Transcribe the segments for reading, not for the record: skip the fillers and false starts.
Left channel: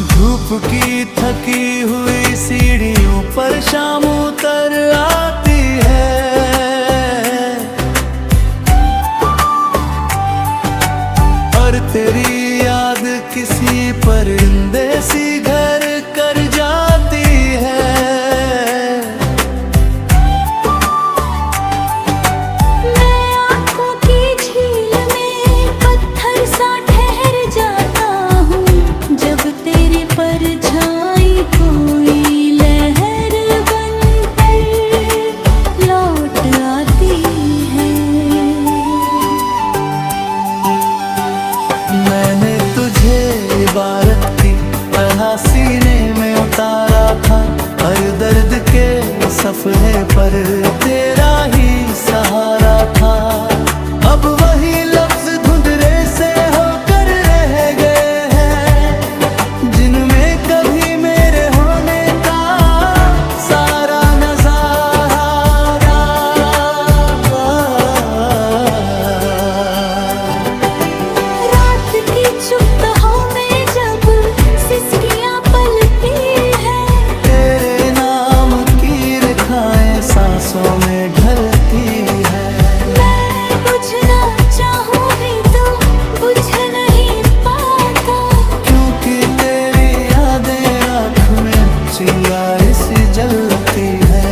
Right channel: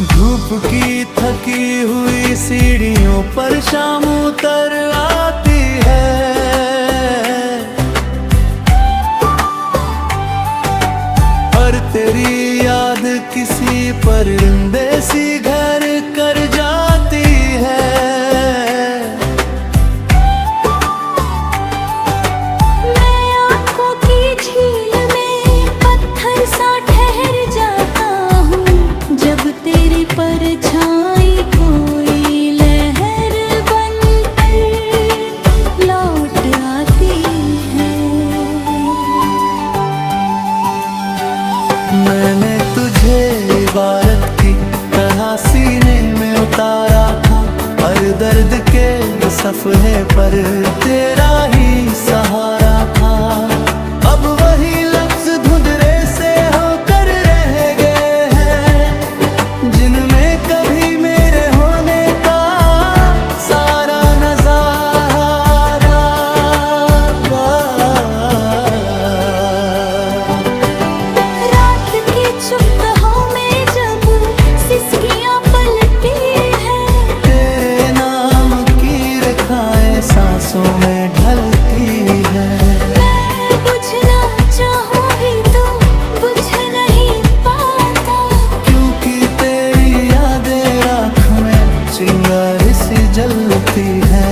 धूप की थकी हुई सीढ़ियों पर शाम उतर आती है। और तेरी याद किसी परिंदे सी घर कर जाती है। मैं आँखों की झील में पत्थर सा ठहर जाता हूँ, जब तेरी परछाई कोई लहर बनकर लौट आती है। मैंने तुझे इबारत की तरह सीने में उतारा था, हर दर्द के सफ़हे पर तेरा ही सहारा था। अब वही लफ्ज धुंधले से होकर रह गए हैं, जिनमें कभी मेरे होने का सारा नजारा। रात की चुप्तों में जब सिसकियां पलती है, तेरे नाम की रेखाएं सांसों में ढलती है। मैं बुझना चाहूं भी तो बुझ नहीं पाता, क्योंकि तेरी यादें राख में चिंगारी सी जलती है।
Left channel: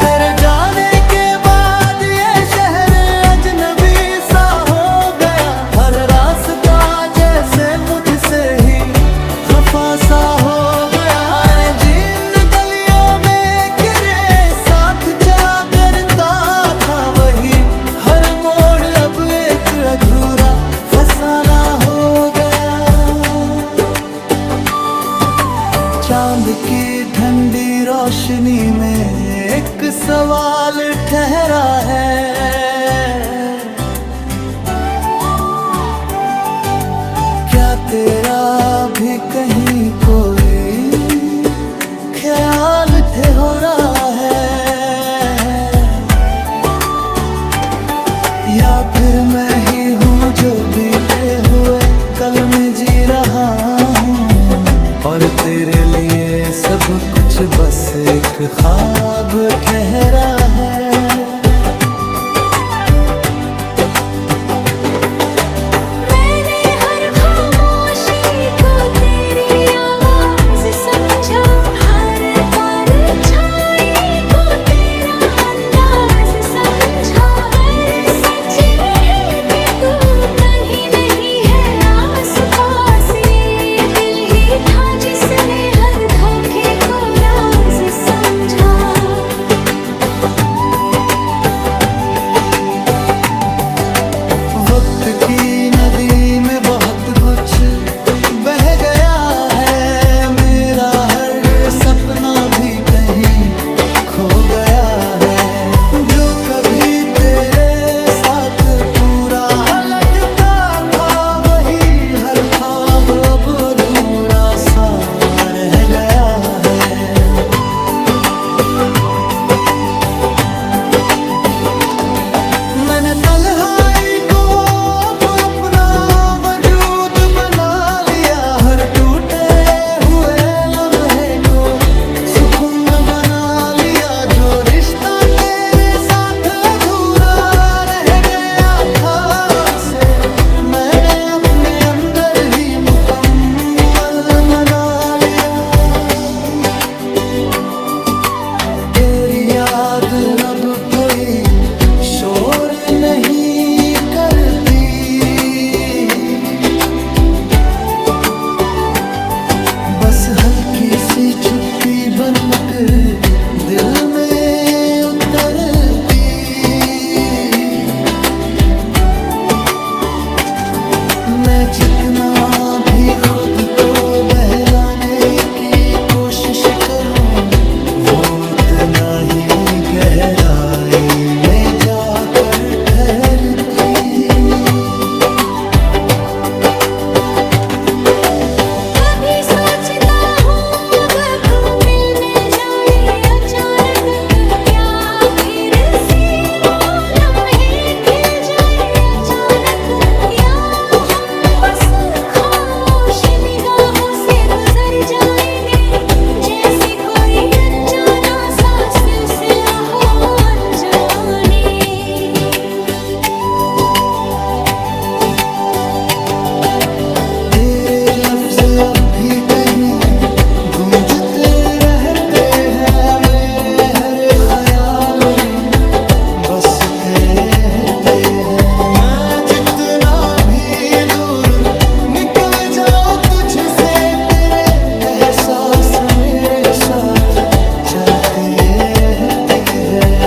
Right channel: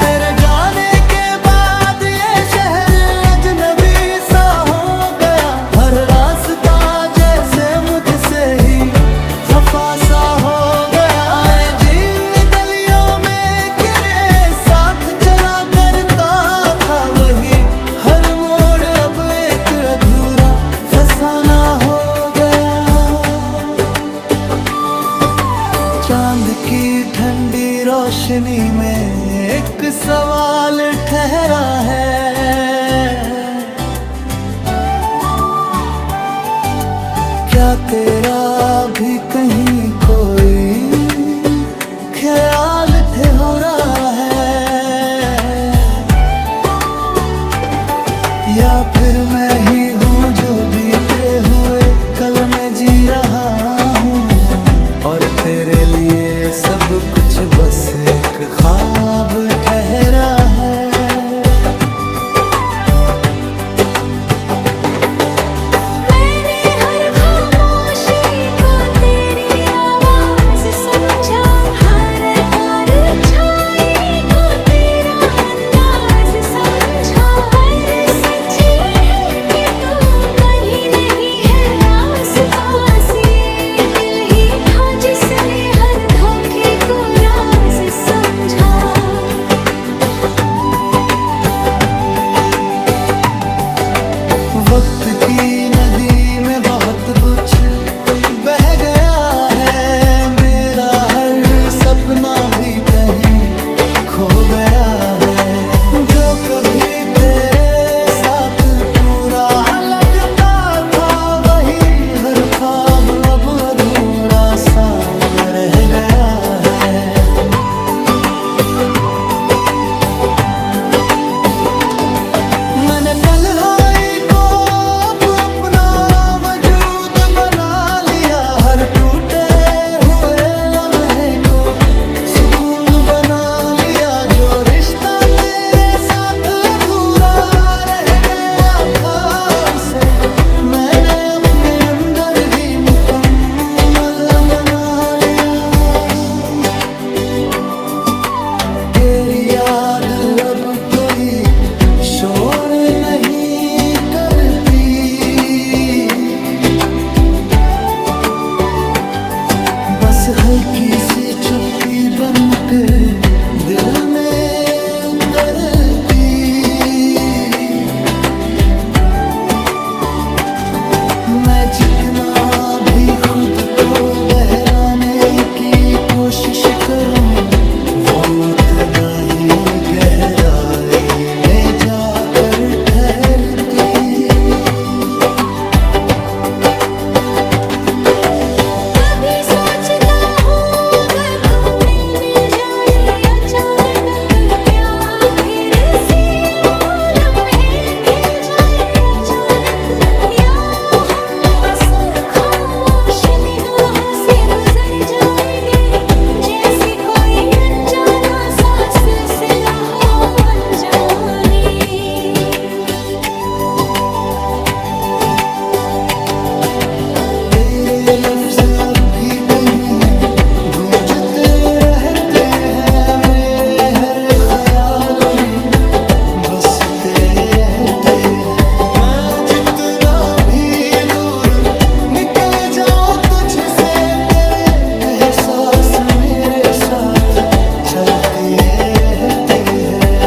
तेरे जाने के बाद ये शहर अजनबी सा हो गया, हर रास्ता जैसे मुझसे ही खफा सा हो गया। जिन गलियों में तेरे साथ चला करता था, वही हर मोड़ अब एक अधूरा फसाना हो गया। चांद की ठंडी रोशनी में एक सवाल ठहरा है, क्या तेरा भी कहीं कोई ख्याल ठहरा है, या फिर मैं ही हूँ जो बीते हुए कल में जी रहा हूँ, और तेरे लिए सब कुछ बस एक ख्वाब ठहरा है। मैंने हर खामोशी को तेरी आवाज समझा, हर परछाई को तेरा अंदाज समझा। पर सच ये है कि तू कहीं नहीं है आस पास, ये दिल ही था जिसने हर धोखे को राज समझा। वक्त की नदी में बहुत कुछ बह गया है, मेरा हर सपना भी कहीं खो गया है। जो कभी तेरे साथ पूरा लगता था, वही हर ख्वाब अब अधूरा सा रह गया है। मैंने तन्हाई को अब अपना वजूद बना लिया, हर टूटे हुए लम्हे को सुकून बना लिया। जो रिश्ता तेरे साथ अधूरा रह गया था, उसे मैंने अपने अंदर ही मुकम्मल बना लिया। तेरी याद अब कोई शोर नहीं करती, बस हल्की सी चुप्पी बनकर दिल में उतरती। मैं जितना भी खुद को बहलाने की कोशिश करूं, वो उतना ही गहराई में जाकर ठहरती। कभी सोचता हूँ अगर तू मिल जाए अचानक, तो क्या फिर से वो लम्हे खिल जाए अचानक। लफ्ज अब भी कहीं गूंजते रहते हैं, मेरे हर ख्याल में बसते रहते हैं। मैं जितना भी दूर निकल जाऊं तुझसे, तेरे एहसास मेरे साथ चलते रहते हैं।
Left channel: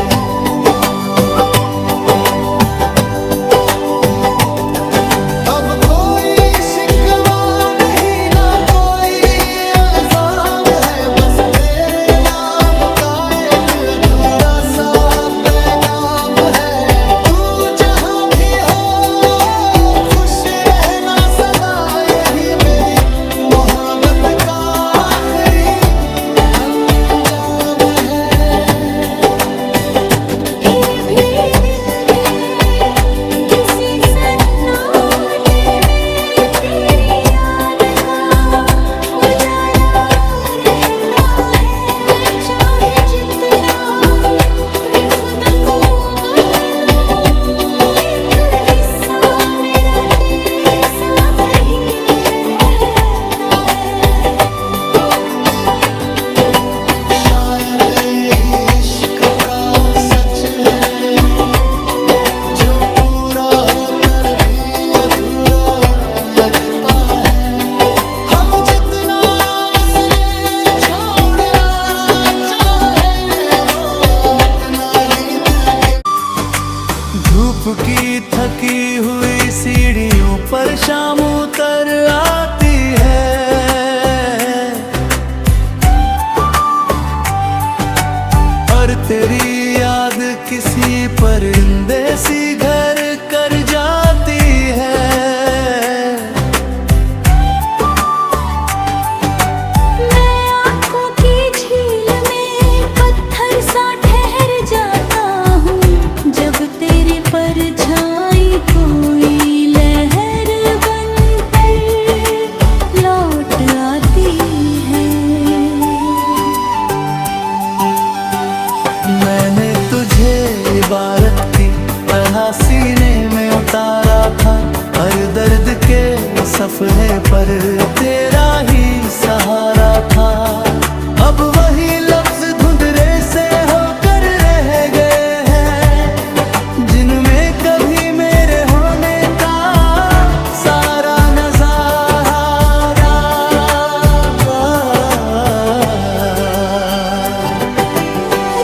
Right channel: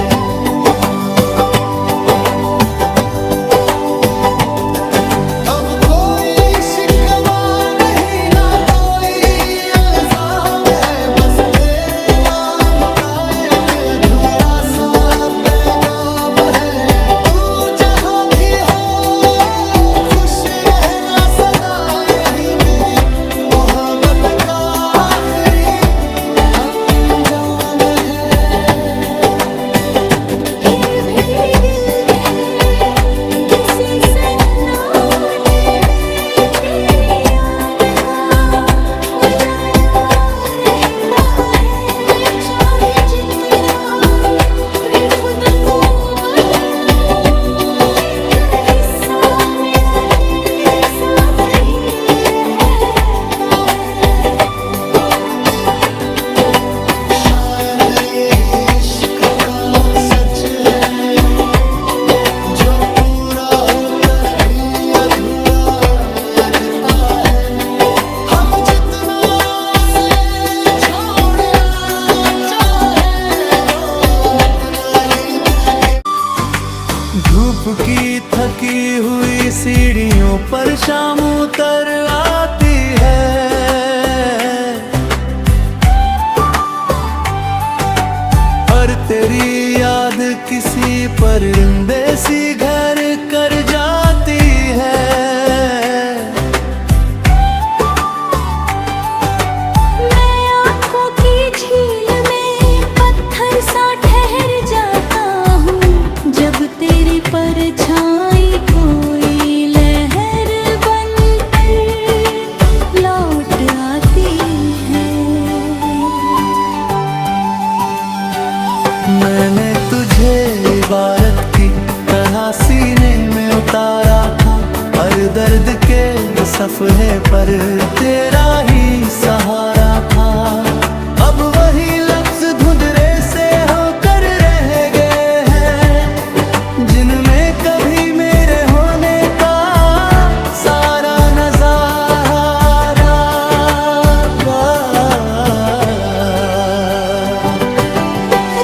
अब कोई शिकवा नहीं, ना कोई इल्जाम है, बस तेरे नाम का एक अधूरा सा पैगाम है। तू जहां भी हो खुश रहना सदा, यही मेरी मोहब्बत का आखिरी अंजाम है। फिर भी दिल के किसी सन्नाटे में तेरी याद का उजाला रहता है। मैं चाहे जितना भी खुद को बदलूं, एक हिस्सा मेरा तेरे साथ ही रहता है। शायद यही इश्क का सच है, जो पूरा होकर भी अधूरा लगता है। हम जितना उसे छोड़ना चाहे, वो उतना ही दिल के। धूप की थकी हुई सीढ़ियों पर शाम उतर आती है, और तेरी याद किसी परिंदे सी घर कर जाती है। मैं आँखों की झील में पत्थर सा ठहर जाता हूँ, जब तेरी परछाई कोई लहर बनकर लौट आती है। मैंने तुझे इबारत की तरह सीने में उतारा था, हर दर्द के सफ़हे पर तेरा ही सहारा था। अब वही लफ्ज धुंधले से होकर रह गए हैं, जिनमें कभी मेरे होने का सारा नजारा।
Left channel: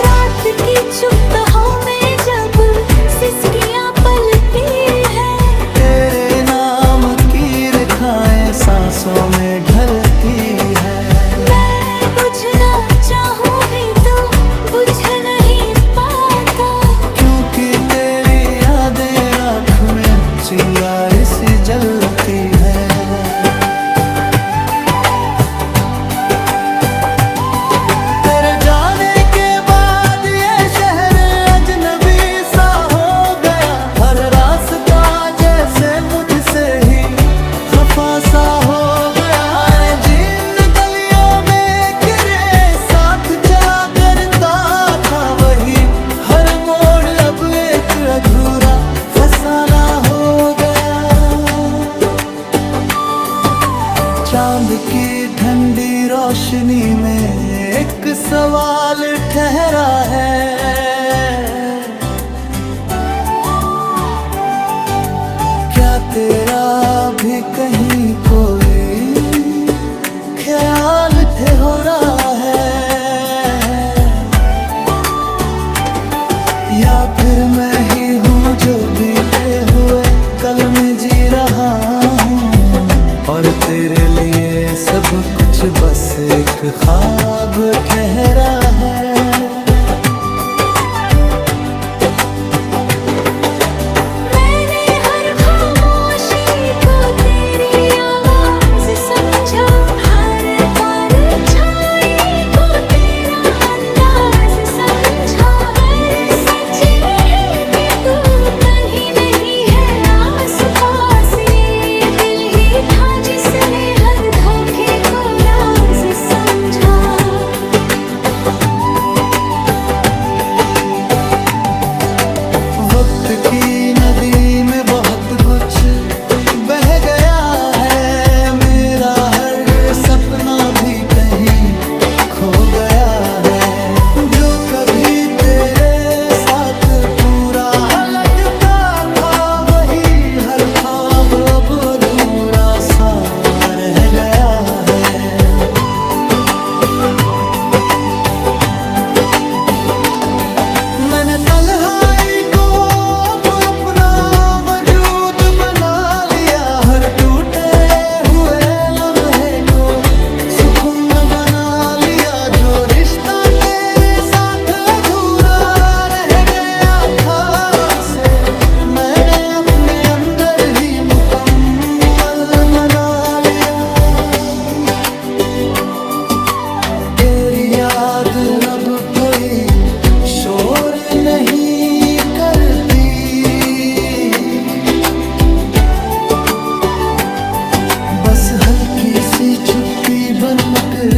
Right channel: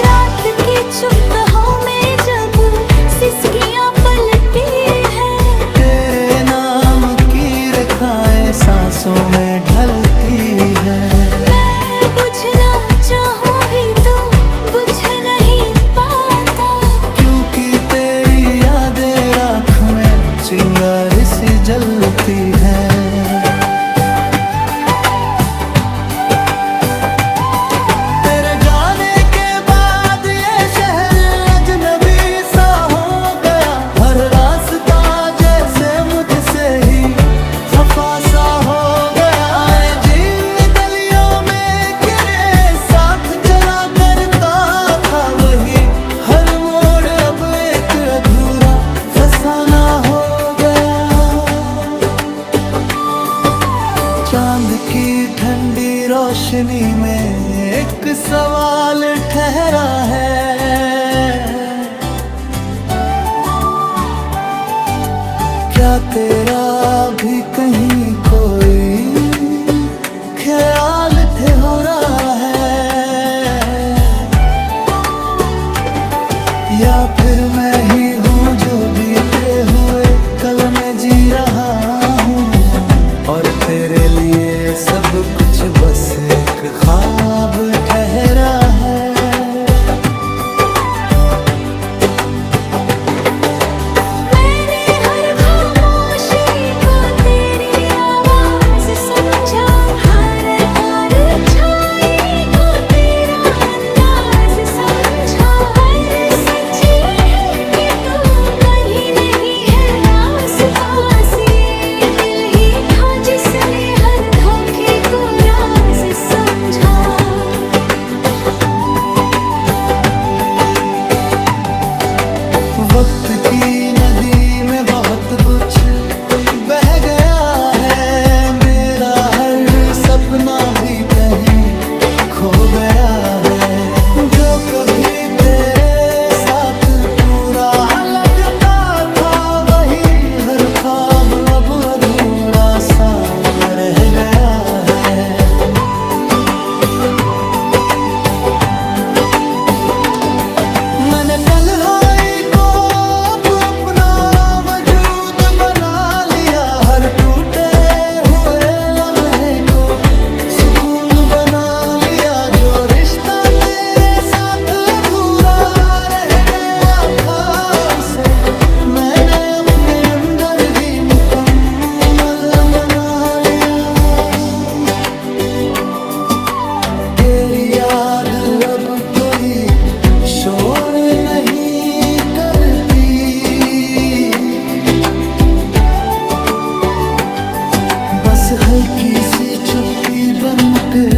रात की चुप्तों में जब सिसकियां पलती है, तेरे नाम की रेखाएं सांसों में ढलती है। मैं बुझना चाहूँ भी तो बुझ नहीं पाता, क्योंकि तेरी यादें राख में चिंगारी सी जलती है। तेरे जाने के बाद ये शहर अजनबी सा हो गया, हर रास्ता जैसे मुझसे ही खफा सा हो गया। जिन गलियों में तेरे साथ चला करता था, वही हर मोड़ अब एक अधूरा फसाना हो गया। चांद की ठंडी रोशनी में एक सवाल ठहरा है, क्या तेरा भी कहीं कोई ख्याल हो रहा है, या फिर मैं ही हूँ जो बीते हुए कल में जी रहा हूँ, और तेरे लिए सब कुछ बस एक ख्वाब ठहरा है। मैंने हर खामोशी को तेरी आवाज समझा, हर परछाई को तेरा अंदाज समझा। पर सच है कि तू कहीं नहीं है आस पास, ये दिल ही था जिसने हर धोखे को राज समझा। वक्त की नदी में बहुत कुछ बह गया है, मेरा अपना भी कहीं खो गया है। जो कभी तेरे साथ पूरा लगता था, वही हर ख्वाब अब अधूरा सा रह गया है। मैंने तन्हाई को अब अपना वजूद बना लिया, हर टूटे हुए लम्हे को सुकून बना लिया। जो रिश्ता तेरे साथ अधूरा रह गया था, उसे मैंने अपने अंदर ही मुकम्मल बना लिया। तेरी याद अब कोई शोर नहीं करती, बस हल्की सी चुप्पी बनकर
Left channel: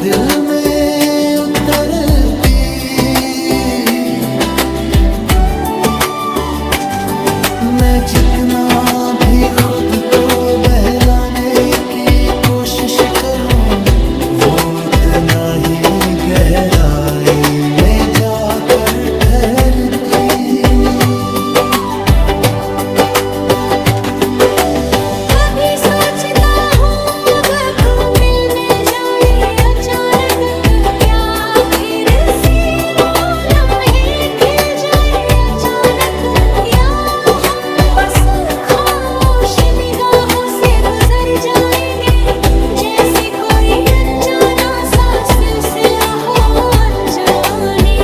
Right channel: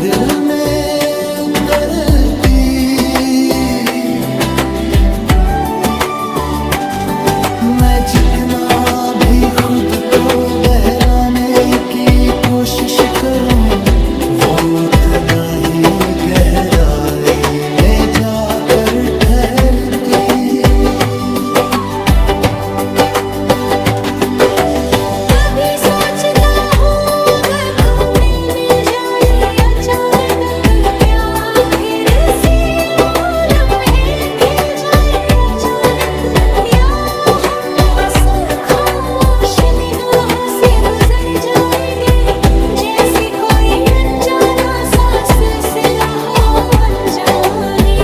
दिल में उतरती। मैं जितना भी खुद को बहलाने की कोशिश करूं, वो उतना ही गहराई में जाकर ठहरती। कभी सोचता हूँ अगर तू मिल जाए अचानक, तो क्या फिर से वो लम्हे खिल जाए अचानक, या हम बस खामोश निगाहों से गुजर जाएंगे, जैसे कोई अनजाना सा सिलसिला हो अनजाने।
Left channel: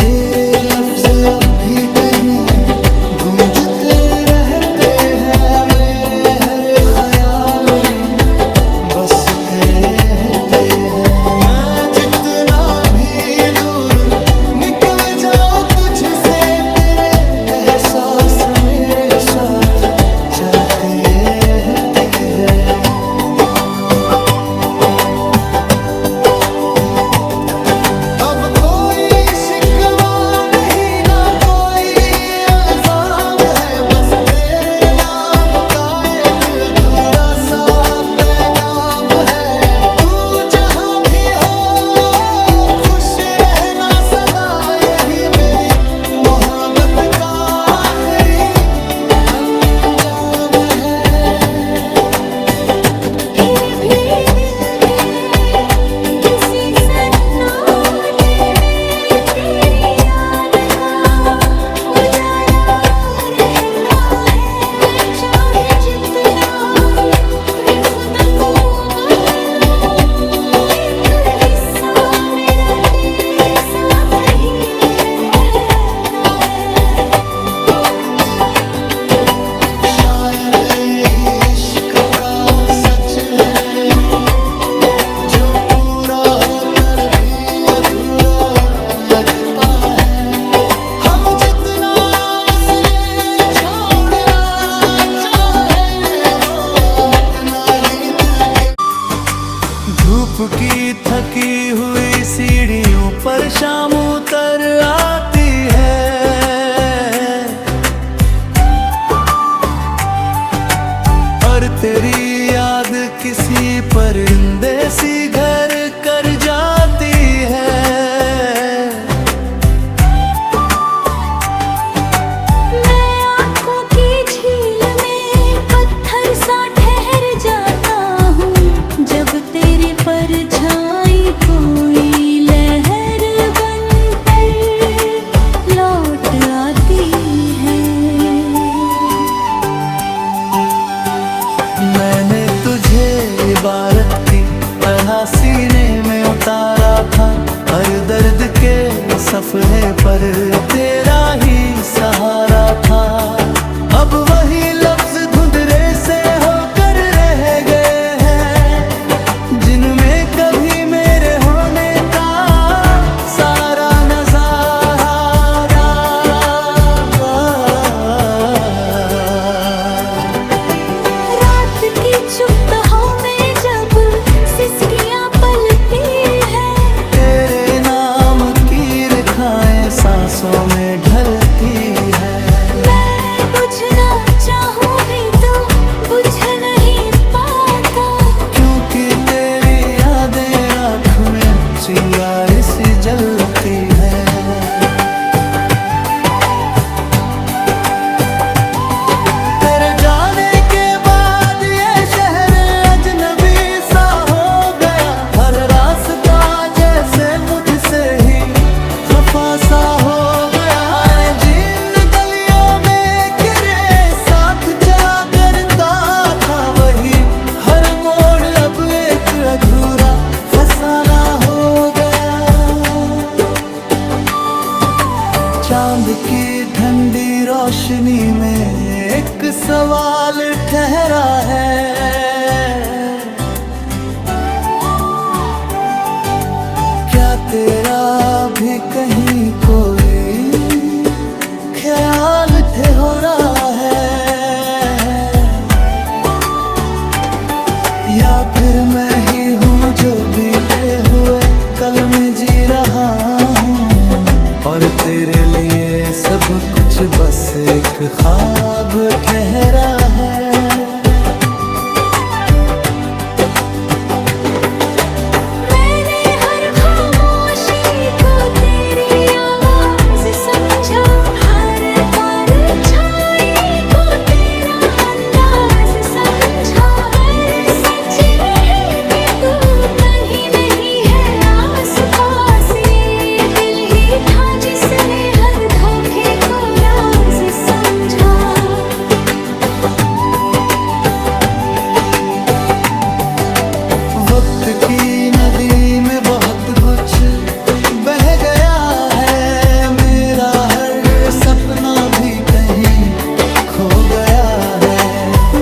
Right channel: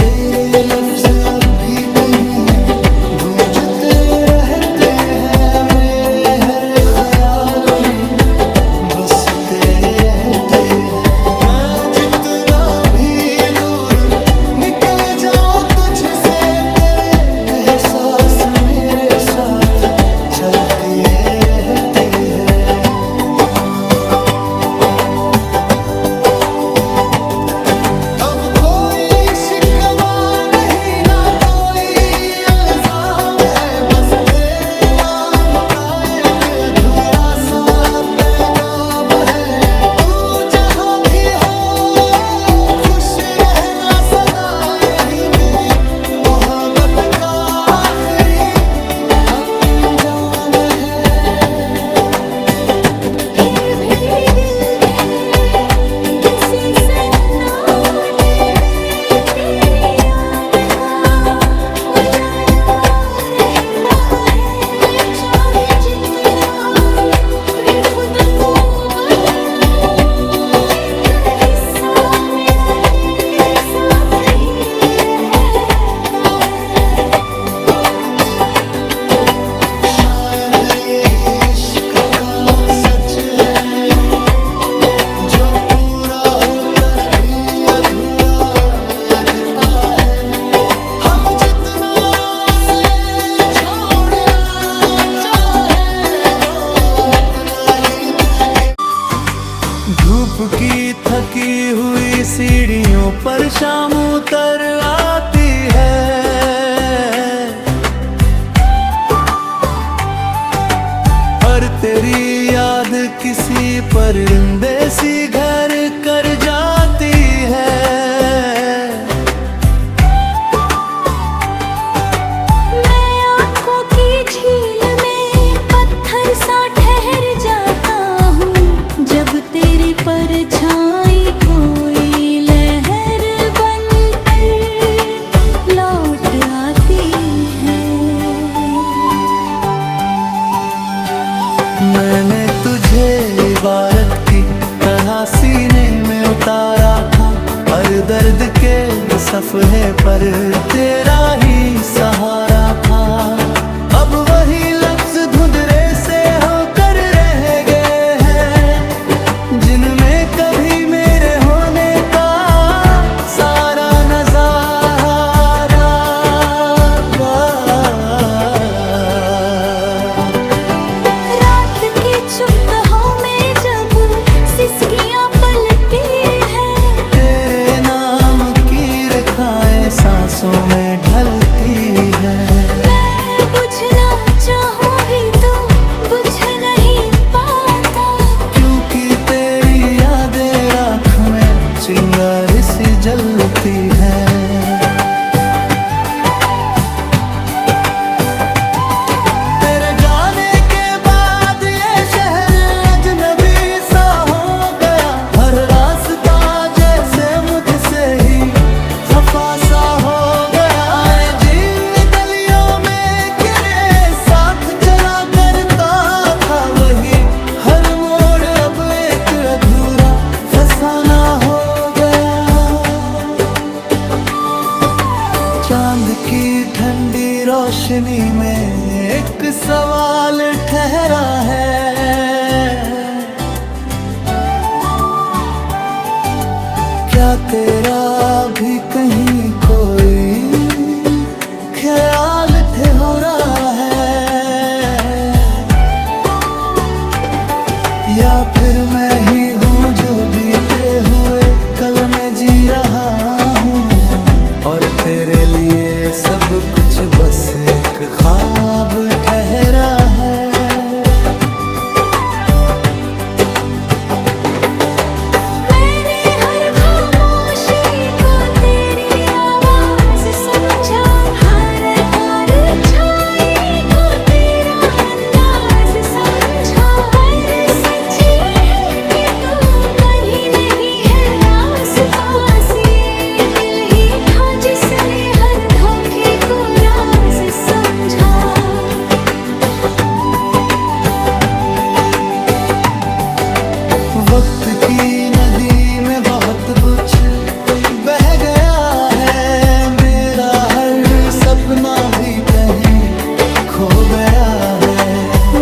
तेरे लफ्ज अब भी कहीं गूंजते रहते हैं, मेरे हर ख्याल में बसते रहते हैं। मैं जितना भी दूर निकल जाऊं तुझसे, तेरे एहसास मेरे साथ चलते रहते हैं। अब कोई शिकवा नहीं, ना कोई इल्जाम है, बस तेरे नाम का एक अधूरा सा पैगाम है। तू जहां भी हो खुश रहना सदा, यही मेरी मोहब्बत का आखिरी अंजाम है। फिर भी दिल के किसी सन्नाटे में तेरी याद का उजाला रहता है। मैं चाहे जितना भी खुद को बदलूं, एक हिस्सा मेरा तेरे साथ ही रहता है। शायद यही इश्क का सच है, जो पूरा होकर भी अधूरा लगता है। हम जितना उसे छोड़ना चाहे, वो उतना ही दिल के। धूप की थकी हुई सीढ़ियों पर शाम उतर आती है, और तेरी याद किसी परिंदे सी घर कर जाती है। मैं आँखों की झील में पत्थर सा ठहर जाता हूँ, जब तेरी परछाई कोई लहर बनकर लौट आती है। मैंने तुझे इबारत की तरह सीने में उतारा था, हर दर्द के सफ़हे पर तेरा ही सहारा था। अब वही लफ्ज धुंधले से होकर रह गए हैं, जिनमें कभी मेरे होने का सारा नजारा। रात की चुप में जब सिसकियां पलती हैं, तेरे नाम की रेखाएं सांसों में ढलती है। मैं बुझना चाहूं भी तो बुझ नहीं पाता, क्योंकि तेरी यादें राख में चिंगारी सी जलती है। तेरे जाने के बाद ये शहर अजनबी सा हो गया, हर रास्ता जैसे मुझसे ही खफा सा हो गया। जिन गलियों में गिरे साथ चला करता था, वही हर मोड़ अब एक अधूरा फसाना हो गया। चांद की ठंडी रोशनी में एक सवाल ठहरा है, क्या तेरा भी कहीं कोई ख्याल ठहरा है, या फिर मैं ही हूँ जो बीते हुए कल में जी रहा हूँ, और तेरे लिए सब कुछ बस एक ख्वाब ठहरा है। मैंने हर खामोशी को तेरी आवाज समझा, हर परछाई को तेरा अंदाज समझा। पर सच ये है कि तू कहीं नहीं है आस पास, ये दिल ही था जिसने हर धोखे को राज समझा। वक्त की नदी में बहुत कुछ बह गया है, मेरा हर सपना भी कहीं खो गया है।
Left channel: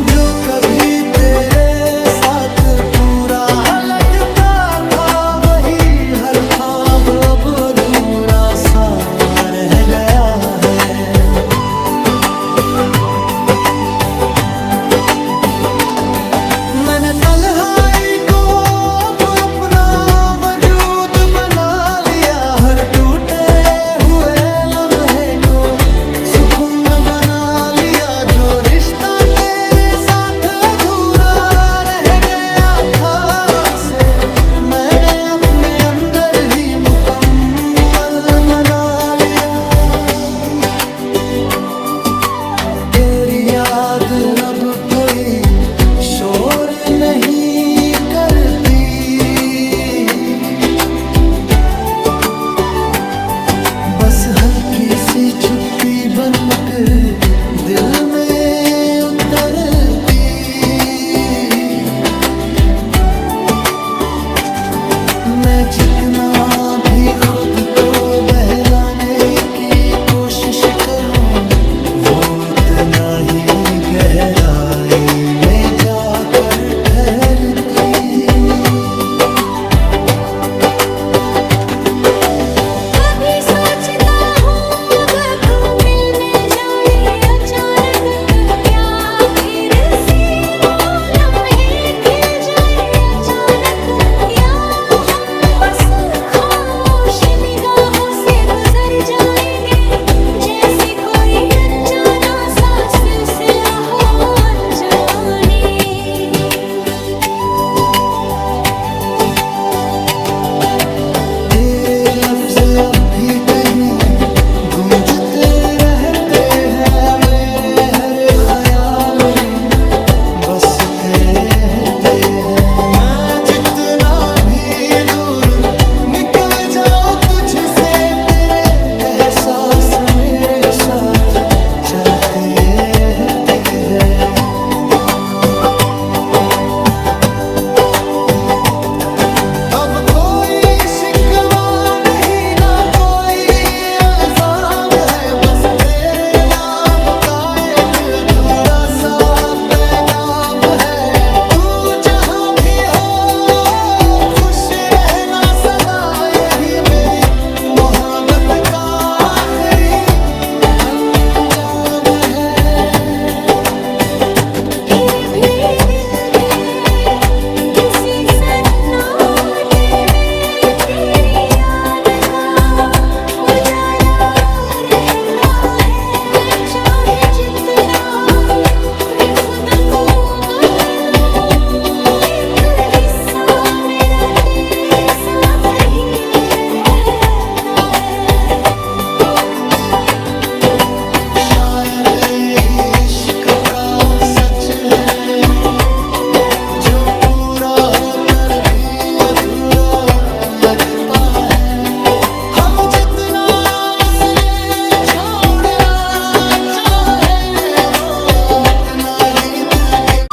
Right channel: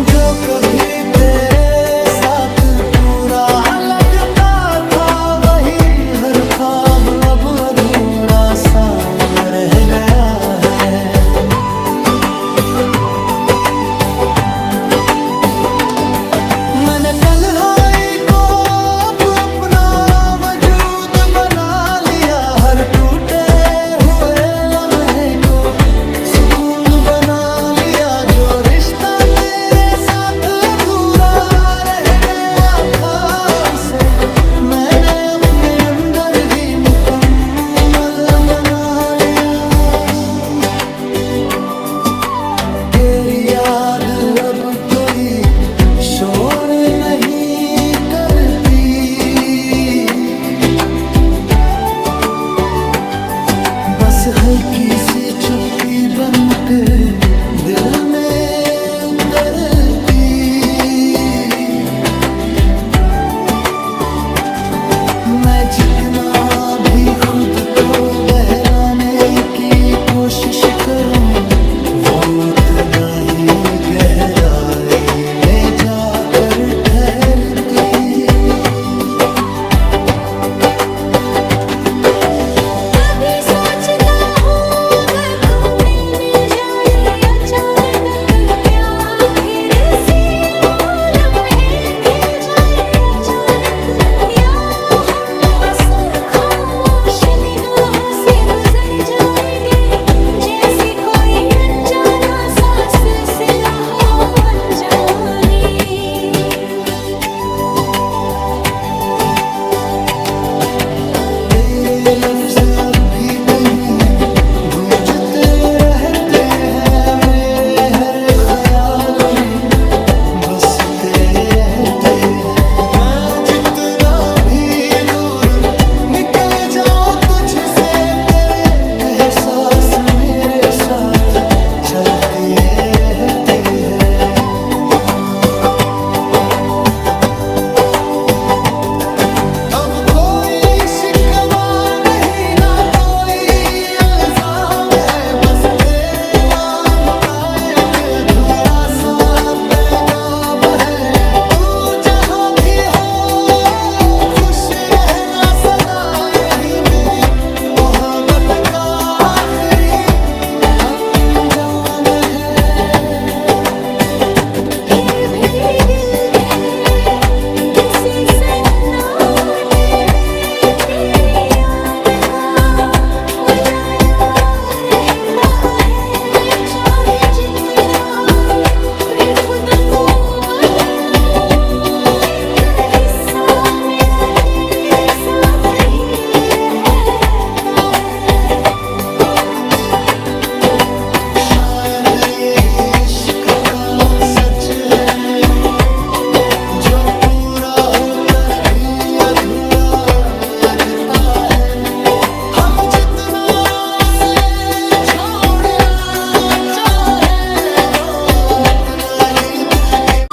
जो कभी तेरे साथ पूरा लगता था, वही हर ख्वाब अब अधूरा सा रह गया है। मैंने तन्हाई को अब अपना वजूद बना लिया, हर टूटे हुए लम्हे को सुकून बना लिया। जो रिश्ता तेरे साथ अधूरा रह गया था, उसे मैंने अपने अंदर ही मुकम्मल बना लिया। तेरी याद अब कोई शोर नहीं करती, बस हल्की सी चुप्पी बनकर दिल में उतरती। मैं जितना भी खुद को बहलाने की कोशिश करूं, वो उतना ही गहराई में जाकर ठहरती। कभी सोचता हूँ अगर तू मिल जाए अचानक, तो क्या फिर से वो लम्हे खिल जाए अचानक, या हम बस खामोश निगाहों से गुजर जाएंगे, जैसे कोई अनजाना सा सिलसिला हो अनजाने। तेरे लफ्ज अब भी कहीं गूंजते रहते हैं, मेरे हर ख्याल में बसते रहते हैं। मैं जितना भी दूर निकल जाऊं तुझसे, तेरे एहसास मेरे साथ चलते रहते हैं। अब कोई शिकवा नहीं, ना कोई इल्जाम है, बस तेरे नाम का एक अधूरा सा पैगाम है। तू जहां भी हो खुश रहना सदा, यही मेरी मोहब्बत का आखिरी अंजाम है। फिर भी दिल के किसी सन्नाटे में तेरी का सच है, जो पूरा होकर भी अधूरा लगता है। हम जितना उसे छोड़ना चाहे, वो उतना ही दिल के।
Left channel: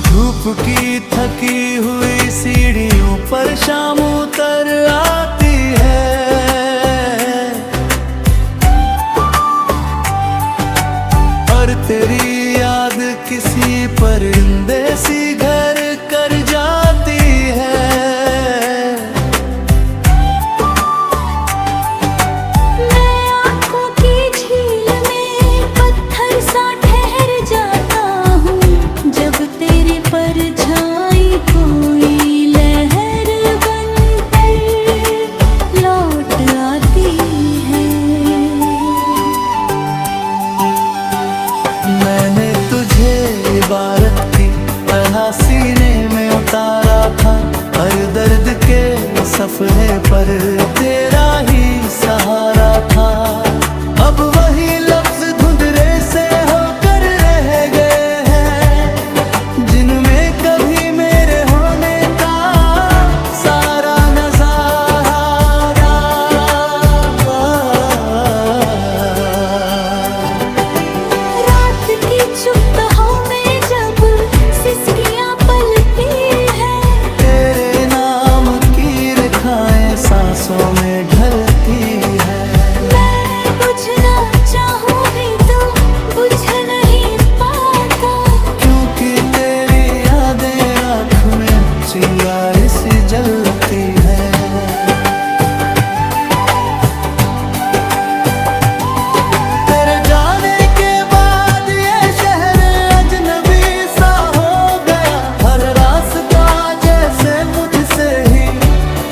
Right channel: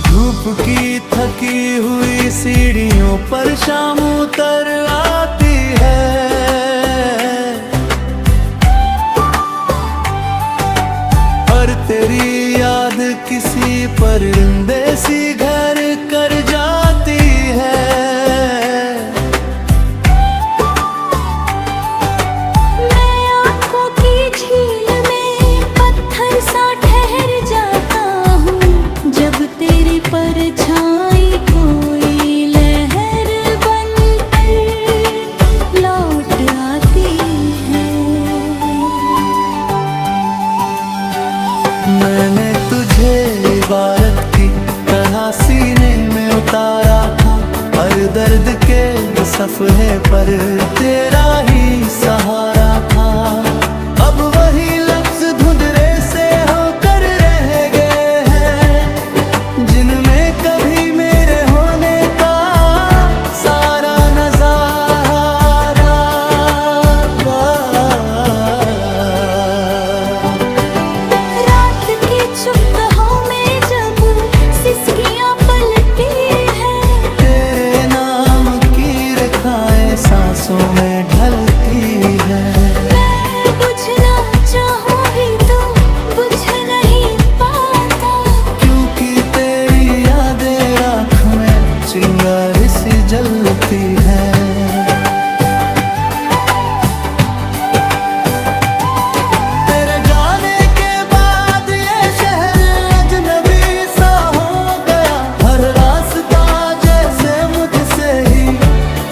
धूप की थकी हुई सीढ़ियों पर शाम उतर आती है, और तेरी याद किसी परिंदे सी घर कर जाती है। मैं आँखों की झील में पत्थर सा ठहर जाता हूँ, जब तेरी परछाई कोई लहर बनकर लौट आती है। मैंने तुझे इबारत की तरह सीने में उतारा था, हर दर्द के सफ़हे पर तेरा ही सहारा था। अब वही लफ्ज धुंधले से होकर रह गए हैं, जिनमें कभी मेरे होने का सारा नजारा। रात की चुप में जब सिसकियाँ पलती हैं, तेरे नाम की रेखाएं सांसों में ढलती है। मैं बुझना चाहूँ भी तो बुझ नहीं पाता, क्योंकि तेरी यादें राख में चिंगारी सी जलती है। तेरे जाने के बाद ये शहर अजनबी सा हो गया, हर रास्ता जैसे मुझसे ही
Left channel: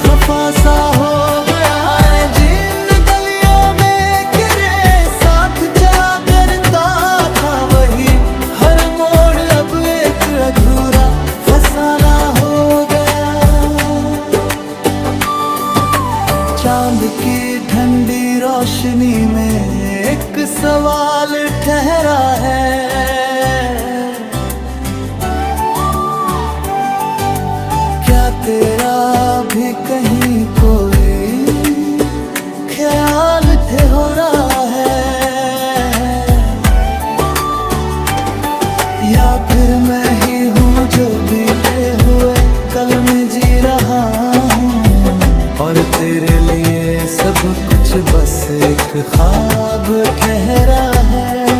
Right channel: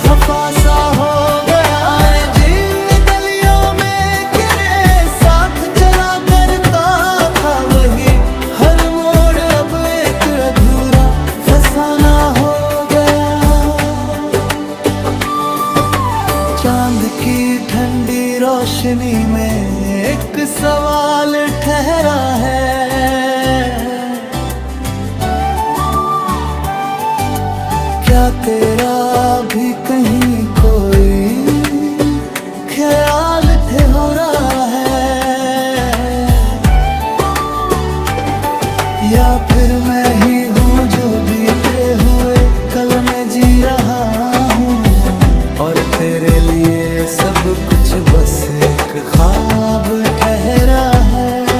खफा सा हो गया। जिन गलियों में गिरे साथ चला करता था, वही हर मोड़ अब एक अधूरा फसाना हो गया। चांद की ठंडी रोशनी में एक सवाल ठहरा है, क्या तेरा भी कहीं कोई ख्याल ठहरा है, या फिर मैं ही हूँ जो बीते हुए कल में जी रहा हूँ, और तेरे लिए सब कुछ बस एक ख्वाब ठहरा है।